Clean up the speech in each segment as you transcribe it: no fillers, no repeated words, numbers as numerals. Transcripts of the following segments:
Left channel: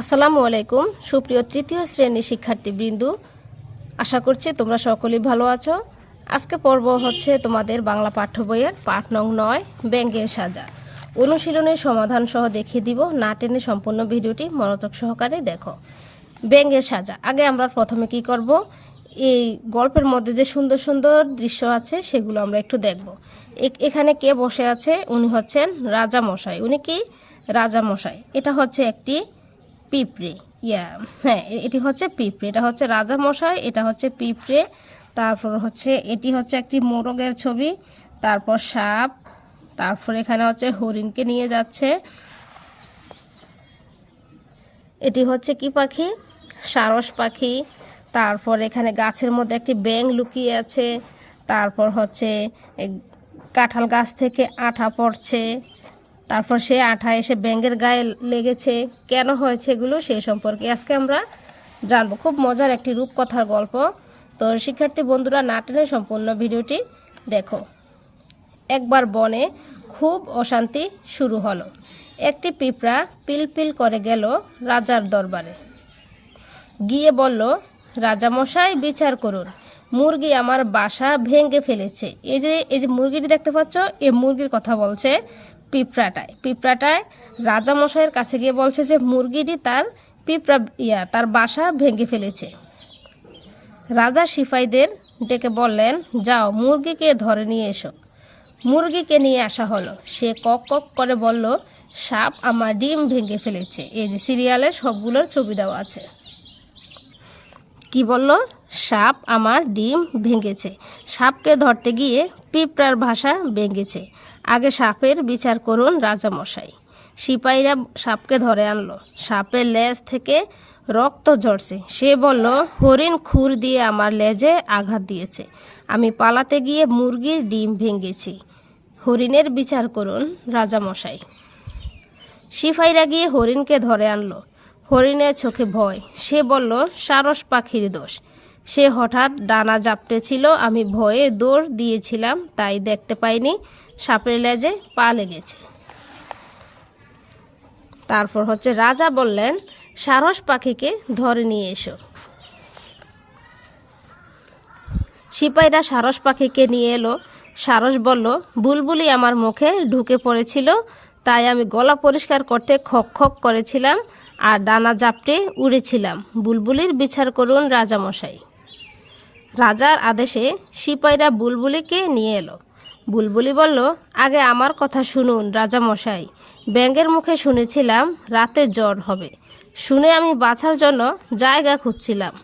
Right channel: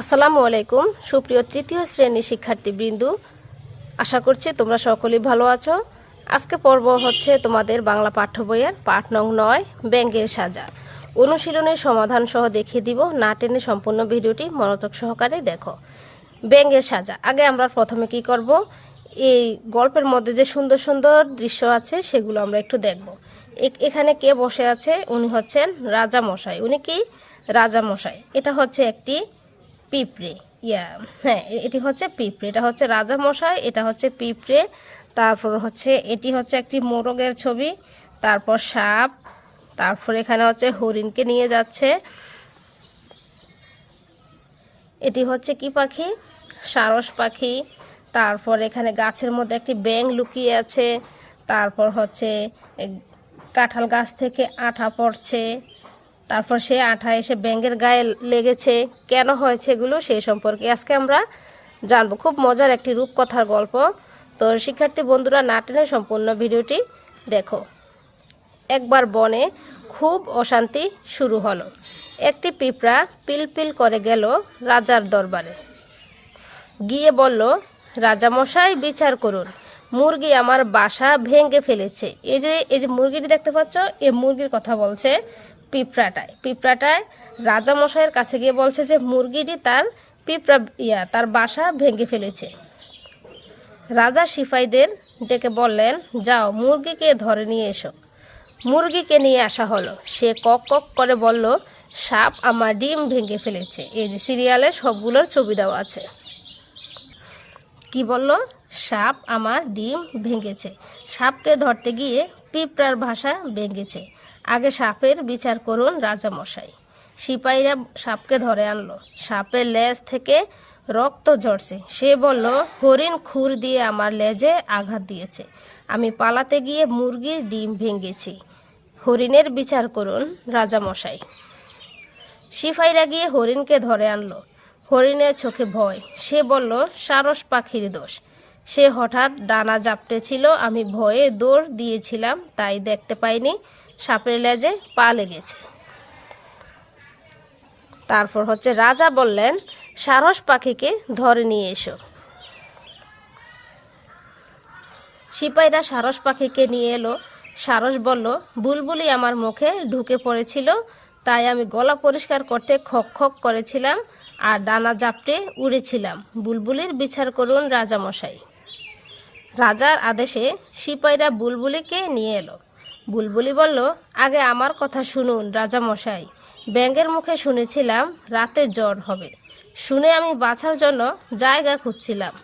আসসালামু আলাইকুম সুপ্রিয় তৃতীয় শ্রেণীর শিক্ষার্থীবৃন্দ, আশা করছি তোমরা সকলেই ভালো আছো। আজকে পর্ব হচ্ছে তোমাদের বাংলা পাঠ্য বইয়ের পাঠ নং 9 ব্যঙ্গের সাজা। অনুশীলনের সমাধান সহ দেখিয়ে দিব, না টেনে সম্পূর্ণ ভিডিওটি মনোযোগ সহকারে দেখো। ব্যঙ্গের সাজা। আগে আমরা প্রথমে কি করব, এই গল্পের মধ্যে যে সুন্দর সুন্দর দৃশ্য আছে সেগুলো আমরা একটু দেখব। এখানে কে বসে আছে? উনি হচ্ছেন রাজা মশাই। উনি কি? রাজা মশাই। এটা হচ্ছে একটি পিঁপড়ে। হ্যাঁ, এটি হচ্ছে পিঁপড়ে। এটা হচ্ছে রাজা মশাই, এটা হচ্ছে পিঁপড়ে। তারপর হচ্ছে এটি হচ্ছে একটি মোরগের ছবি, তারপর সাপ, তারপর এখানে হচ্ছে হরিণকে নিয়ে যাচ্ছে। এটি হচ্ছে কি পাখি? সারস পাখি। তারপর এখানে গাছের মধ্যে একটি ব্যাঙ লুকিয়ে আছে। তারপর হচ্ছে কাঁঠাল গাছ থেকে আঠা পড়ছে, তারপর সে আঠা এসে ব্যাঙের গায়ে লেগেছে। কেন হয়েছে এগুলো সেই সম্পর্কে আজকে আমরা জানবো। খুব মজার একটি রূপকথার গল্প। তো শিক্ষার্থী বন্ধুরা, না টেনে সম্পূর্ণ ভিডিওটি দেখো। একবার বনে খুব অশান্তি শুরু হলো। একটি পিঁপড়া পিলপিল করে গেল রাজার দরবারে। গিয়ে বলল, রাজামশাই বিচার করুন, মুরগি আমার বাসা ভেঙে ফেলেছে। এই যে মুরগিটি দেখতে পাচ্ছ, এই মুরগির কথা বলছে পিঁপড়াটায় রাজামশাইয়ের কাছে গিয়ে বলছে যে মুরগিটি তার বাসা ভেঙে ফেলেছে। রাজা সিপাহীদের ডেকে বললেন, যাও মুরগিকে ধরে নিয়ে এসো। মুরগিকে নিয়ে আসা হলো। সে কক কক করে বলল, সাপ আমার ডিম ভেঙে ফেলেছে। এই যে সিরিয়ালে সবগুলোর ছবি দেওয়া আছে। কি বলল? সাপ আমার ডিম ভেঙেছে। সাপকে ধরতে গিয়ে পিঁপড়ার ভাষা ভেঙেছে। আগে সাপের বিচার করুন রাজামশাই। সিপাহীরা সাপকে ধরে আনলো। সাপের লেজ থেকে রক্ত ঝরছে। সে বলল, হরিণ খুর দিয়ে আমার লেজে আঘাত দিয়েছে। আমি পালাতে গিয়ে মুরগির ডিম ভেঙেছি। হরিণের বিচার করুন রাজামশাই। সিপাহীরা গিয়ে হরিণকে ধরে আনলো। হরিণের চোখে ভয়। সে বলল, সারস পাখির দোষ। সে হঠাৎ ডানা ঝাপটেছিল, আমি ভয়ে দৌড় দিয়েছিলাম, তাই দেখতে পাইনি সাপের লেজে পা লেগেছে। তারপর হচ্ছে রাজা বললেন, সারস পাখিকে ধরে নিয়ে এসো। সিপাহীরা সারস পাখিকে নিয়ে এলো। সারস বলল, বুলবুলি আমার মুখে ঢুকে পড়েছিল, তাই আমি গলা পরিষ্কার করতে খক খক করেছিলাম আর ডানা ঝাপটে উড়েছিলাম। বুলবুলির বিচার করুন রাজামশাই। রাজার আদেশে সিপাহীরা বুলবুলিকে নিয়ে এলো। বুলবুলি বলল, আগে আমার কথা শুনুন রাজামশাই। ব্যাঙের মুখে শুনেছিলাম রাতে জ্বর হবে। শুনে আমি বাঁচার জন্য জায়গা খুঁজছিলাম।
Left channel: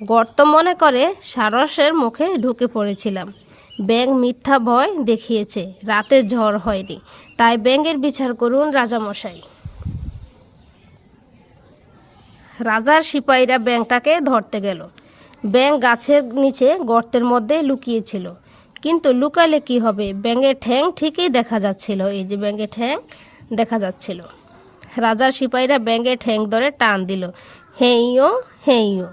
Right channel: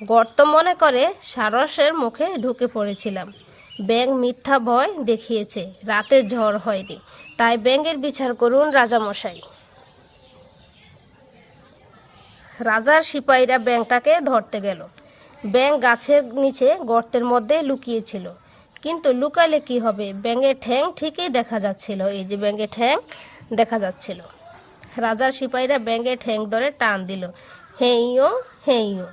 গর্ত মনে করে সারসের মুখে ঢুকে পড়েছিলাম। ব্যাঙ মিথ্যা ভয় দেখিয়েছে, রাতে ঝড় হয়নি, তাই ব্যাঙের বিচার করুন রাজামশাই। রাজার সিপাহীরা ব্যাঙটাকে ধরতে গেল। ব্যাঙ গাছের নিচে গর্তের মধ্যে লুকিয়েছিল, কিন্তু লুকালে কি হবে, ব্যাঙের ঠ্যাং ঠিকই দেখা যাচ্ছিল। এই যে ব্যাঙের ঠ্যাং দেখা যাচ্ছিল। রাজার সিপাহীরা ব্যাঙের ঠ্যাং ধরে টান দিল। হেইও হেইও।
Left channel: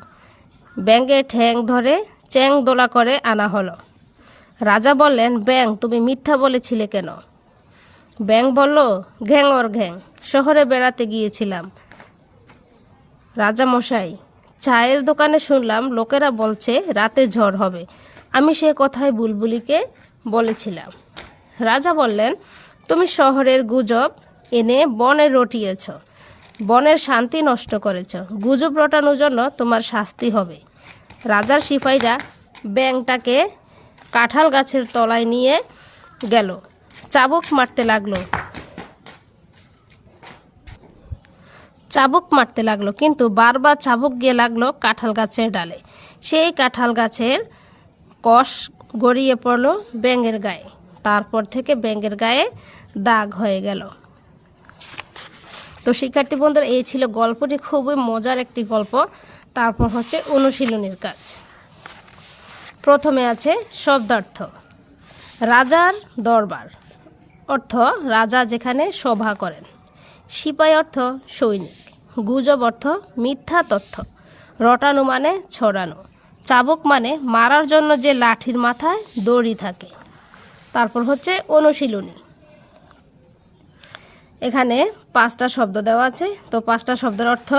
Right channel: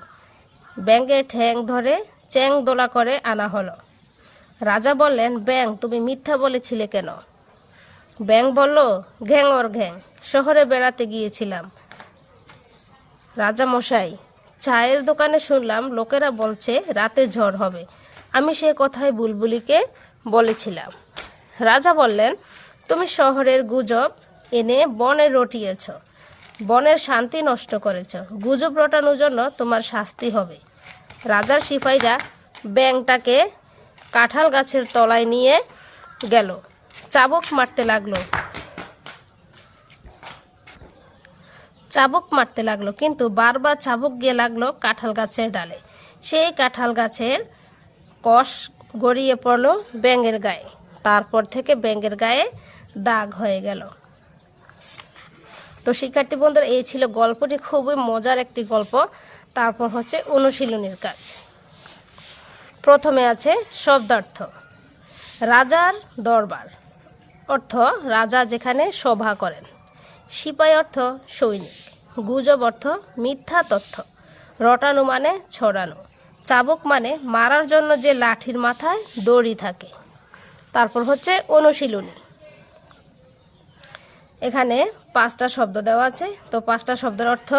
ব্যাঙের ঠ্যাং ধরে চ্যাং দোলা করে আনা হলো। রাজা বললেন, ব্যাঙ তুমি মিথ্যা বলেছিলে কেন? ব্যাঙ বলল, ঘ্যাঙর ঘ্যাং, শহরে বেড়াতে গিয়েছিলাম রাজামশাই। চায়ের দোকানে শুনলাম লোকেরা বলছে রাতে ঝড় হবে, আমি সে কথাই বুলবুলিকে বলেছিলাম। রাজা বললেন, তুমি শহরের গুজব এনে বনে রটিয়েছ, বনের শান্তি নষ্ট করেছ। গুজব রটানোর জন্য তোমার শাস্তি হবে। রাজার সিপাহীরা ব্যাঙটাকে কাঁঠাল গাছের তলায় নিয়ে গেল। চাবুক মারতে লাগলো, কিন্তু বারবার চাবুক গিয়ে লাগলো কাঁঠাল গাছের ডালে। সেই কাঁঠাল গাছের কষ গড়িয়ে পড়ল ব্যাঙের গায়ে। তারপর থেকে ব্যাঙের গায়ে দাগ হয়ে গেল। তো শিক্ষার্থী বন্ধুরা, এই ছিল গল্পটি। খুবই মজার একটি গল্প। তারপর হচ্ছে অনুশীলনের কাজ। প্রথমে আছে শব্দার্থ। রাজার দরবার অর্থ রাজা যেখানে সভা করেন। সিপাহী অর্থ সৈনিক। গুজব অর্থ মিথ্যা তথ্য। রটানো মানে ছড়ানো। চাবুক মানে মারার জন্য যে লাঠির মাথায় দড়ি থাকে। তারপর হচ্ছে অনুশীলনী। এখানে 5টা শব্দ দেওয়া আছে, তো 5টা শব্দের অর্থ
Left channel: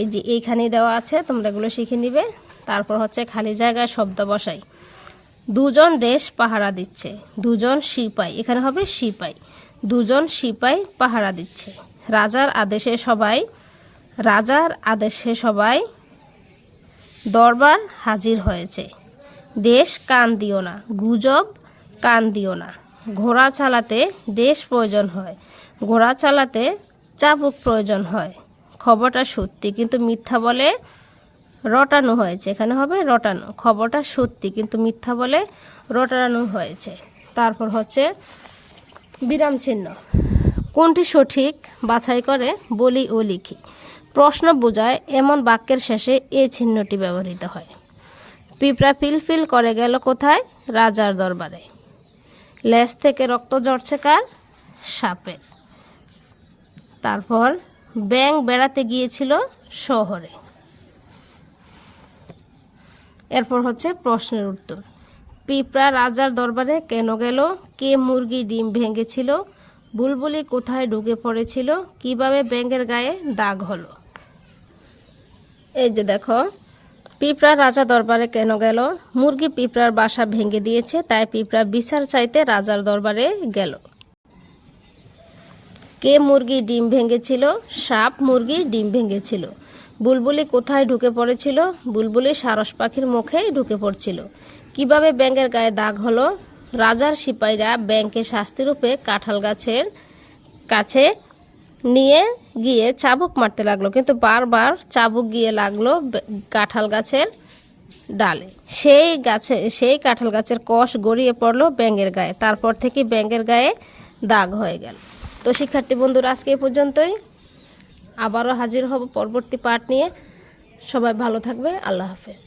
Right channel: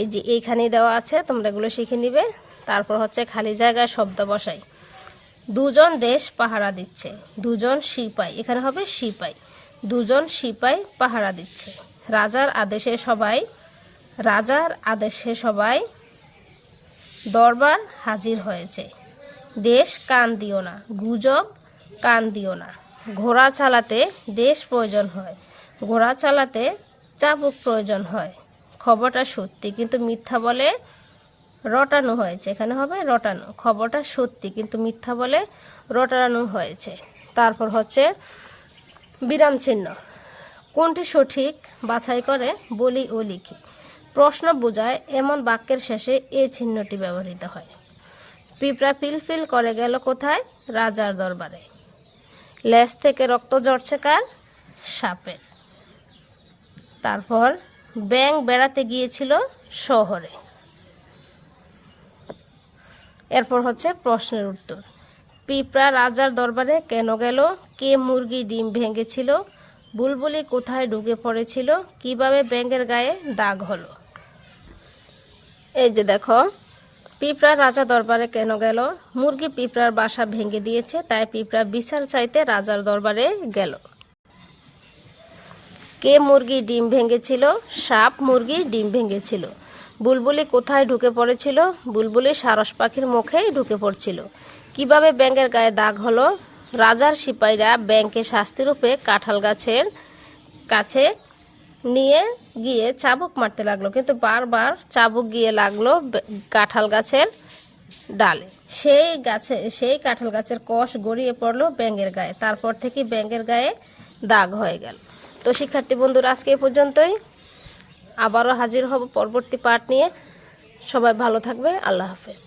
এই যে এইখানেই দেওয়া আছে, তোমরা এগুলো শিখে নিবে। তারপর হচ্ছে খালি জায়গায় শব্দ বসাই। 2জন দেশ পাহারা দিচ্ছে, 2জন সিপাই, এখানে হবে সিপাই, 2জন সিপাই পাহারা দিচ্ছে। রাজার আদেশে সবাই দরবার হাজির হয়েছে। দেশ কান দিও না, গুজব কান দিও না। ঘোড়া চালাতে দেশ প্রয়োজন হয়, ঘোড়া চালাতে চাবুক প্রয়োজন হয়। খবরটা সত্যি কিন্তু মিথ্যা বলে রটানো হয়েছে, এখানে হবে রটানো। খবরটা সত্যি কিন্তু মিথ্যা বলে রটানো হয়েছে। তারপর হচ্ছে বিরাম চিহ্ন। কোনটি সঠিক বাছাই করে বলি ও লিখি। প্রশ্ন বোঝায় এমন বাক্যের শেষে এ চিহ্নটি ব্যবহৃত হয়। পিঁপড়া পিলপিল করে গেল কোথায়? রাজার দরবারে। লেজ থেকে রক্ত ঝরছে কার? সাপের। তারপর ব্যাঙ বেড়াতে গিয়েছিল শহরে। এরপর হচ্ছে প্রশ্নের উত্তর। পিঁপড়া রাজার দরবারে কেন গেল? কে মুরগি ডিম ভেঙেছিল? বুলবুলি কোথায় ঢুকে পড়েছিল? কিভাবে ব্যাঙের গায়ে দাগ হলো? এই যে দেখো, পিঁপড়া রাজা দরবারে কেন গেল? মুরগি পিঁপড়ার বাসা ভেঙে দিয়েছে, তাই পিঁপড়া বিচার চাইতে রাজার দরবারে গেল। কে মুরগি ডিম ভেঙেছিল? সাপ মুরগি ডিম ভেঙেছিল। বুলবুলি কোথায় ঢুকে পড়েছিল? বুলবুলি সারস পাখির মুখেই ঢুকে পড়ছিল। কিভাবে ব্যাঙের গায়ে দাগ হলো? রাজার সিপাহীরা ব্যাঙকে শাস্তিরূপে কাঁঠাল গাছের কাছে নিয়ে গিয়ে চাবুক মারতে লাগলো, কিন্তু বারবার চাবুক গিয়ে লাগলো কাঁঠাল গাছের ডালে। সেই কাঁঠাল গাছের কষ গড়িয়ে পড়লো ব্যাঙের গায়ে। তারপর থেকে ব্যাঙের গায়ে দাগ হয়ে গেল। তো শিক্ষার্থী বন্ধুরা, আজকে এই পর্যন্তই। আবারও হাজির হব পরবর্তী পাঠ নিয়ে। সবাই ভালো থাকবে। আল্লাহ হাফেজ।